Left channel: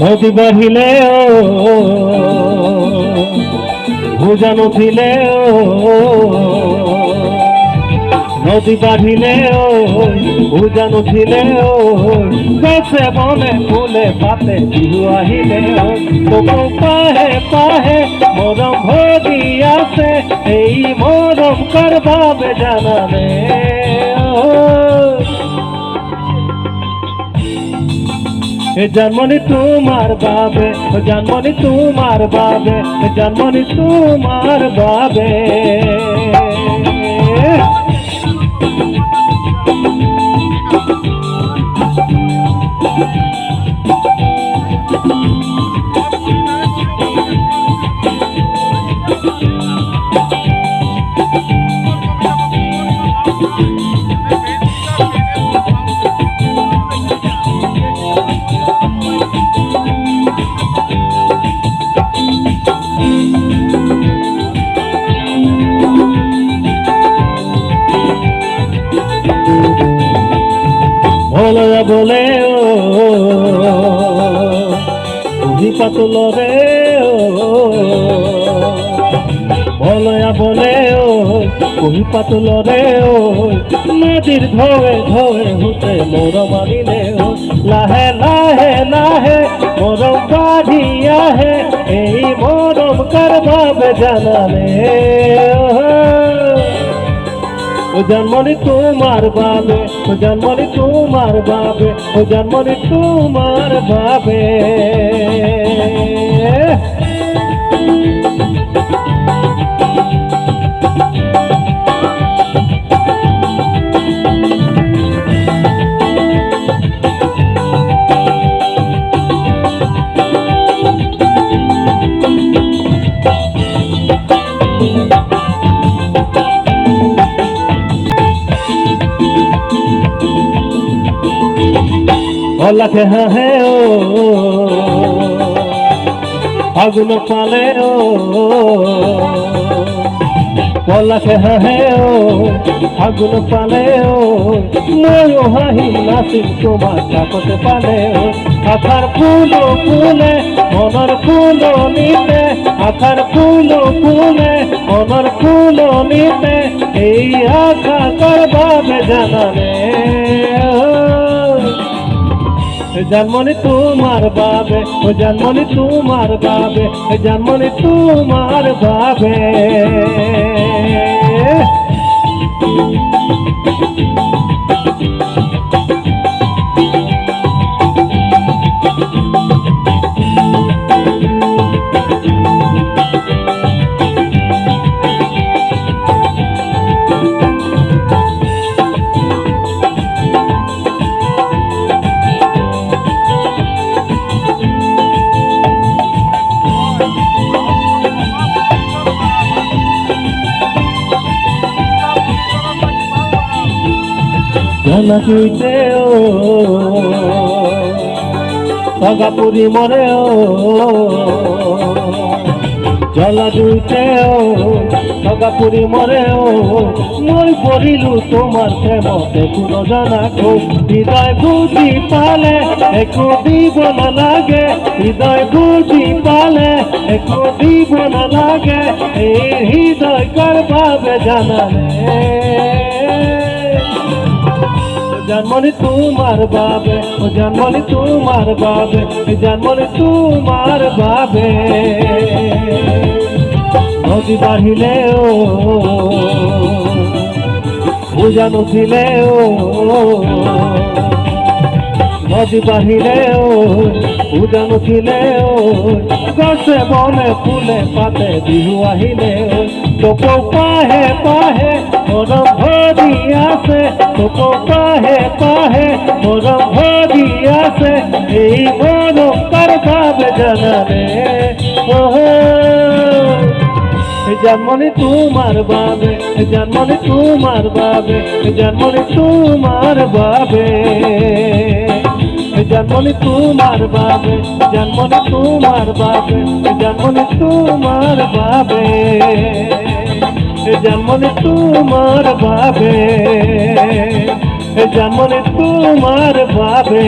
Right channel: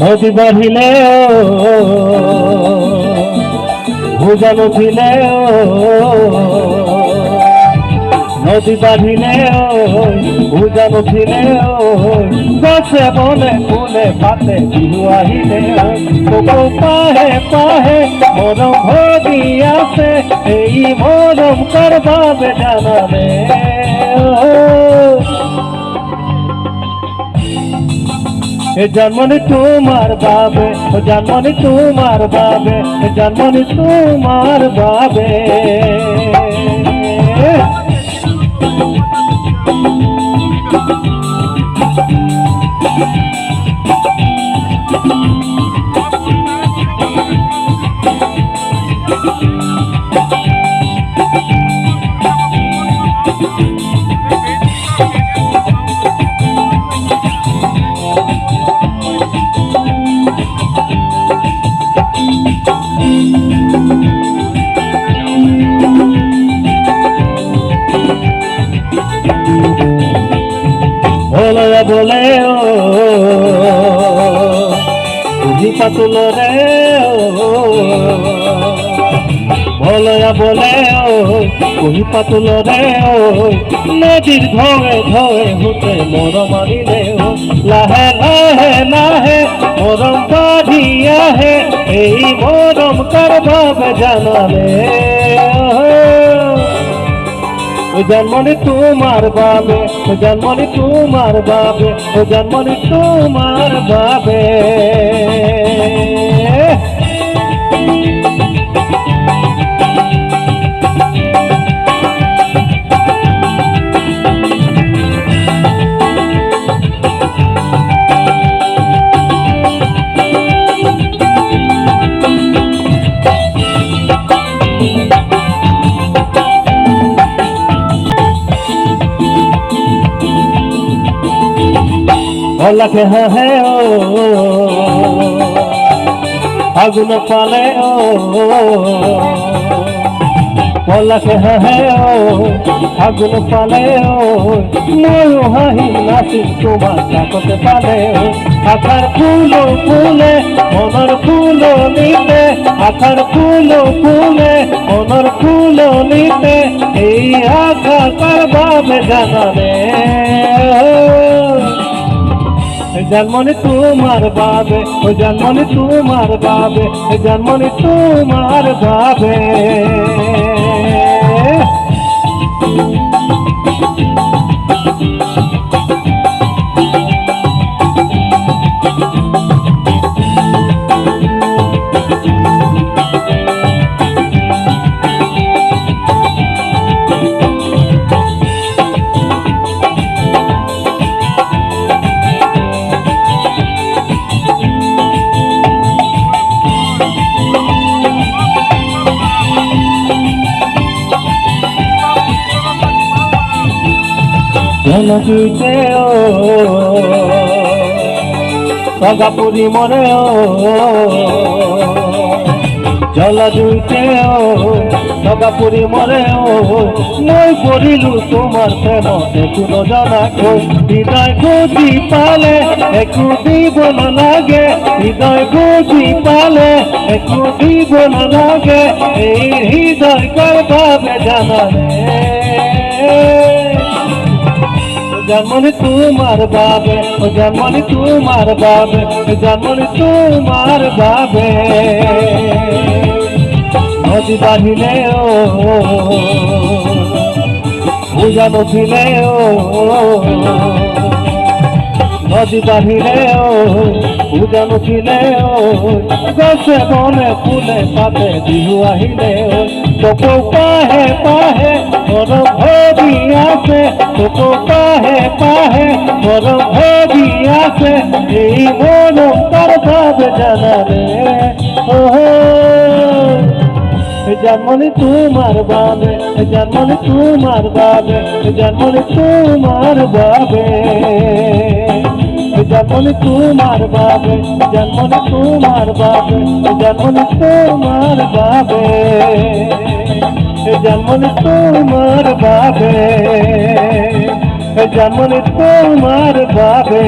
নদী বাহিলে ভুজা নথিলে নদী বাহিলে ভুজা নথিলে গছে বনে ফুলে পাতে বিহু আহিলে পাহে পাহে মরম ভরি আছে এই মরম করবাবে জানালে জন্মনি তোমার বাবে জন্মনি তোমার বাবে জন্মনি তোমার বাবে বলে বলে বুঝি পাতুল রে বলয়া বলে কহি পাতুল রে নদীর ধোয়ে ধোয়ে হুতে মোর মারিলে লাহে লাহে লাহে মরম বাড়িয়া হে এই মরম করবাবে জানালে জন্মনি তোমার বাবে জন্মনি তোমার বাবে জন্মনি তোমার বাবে लखे है अगुन पाले लखे है अगुन पाले मोयो हाही नासी तुम्हार ताकते पाले आखार फूलो फूले मनर फूलो नीते आखार फूलो फूले मनर फूलो नीते এই আখা করবাবে জানালে জন্মনি তোমার বাবে জন্মনি তোমার বাবে জন্মনি তোমার বাবে জনকিতে সগাপুরি মনে জল দুইতে সগাপুরি মরে মই পড়িলু তোমার প্রেম দেখুন জানা হৃদয় গুজি পালে একটু দিব না লাগে হৃদয় গুজি পালে একটু দিব না লাগে এই হৃদয় করবাবে জানালে জন্মনি তোমার বাবে জন্মনি তোমার বাবে জন্মনি তোমার বাবে নদী বাহিলে পূজা নথিলে নদী বাহিলে পূজা নথিলে গছে বনে ফুলে পাতে বিহু আহিলে তোকো পাহে পাহে মন ভরি আছে তোকো পাহে পাহে মন ভরি আছে এই মরম করবাবে জানালে জন্মনি তোমার বাবে জন্মনি তোমার বাবে জন্মনি তোমার বাবে জন্মনি তোমার বাবে জন্মনি তোমার বাবে জন্মনি তোমার বাবে জন্মনি তোমার বাবে জন্মনি তোমার বাবে।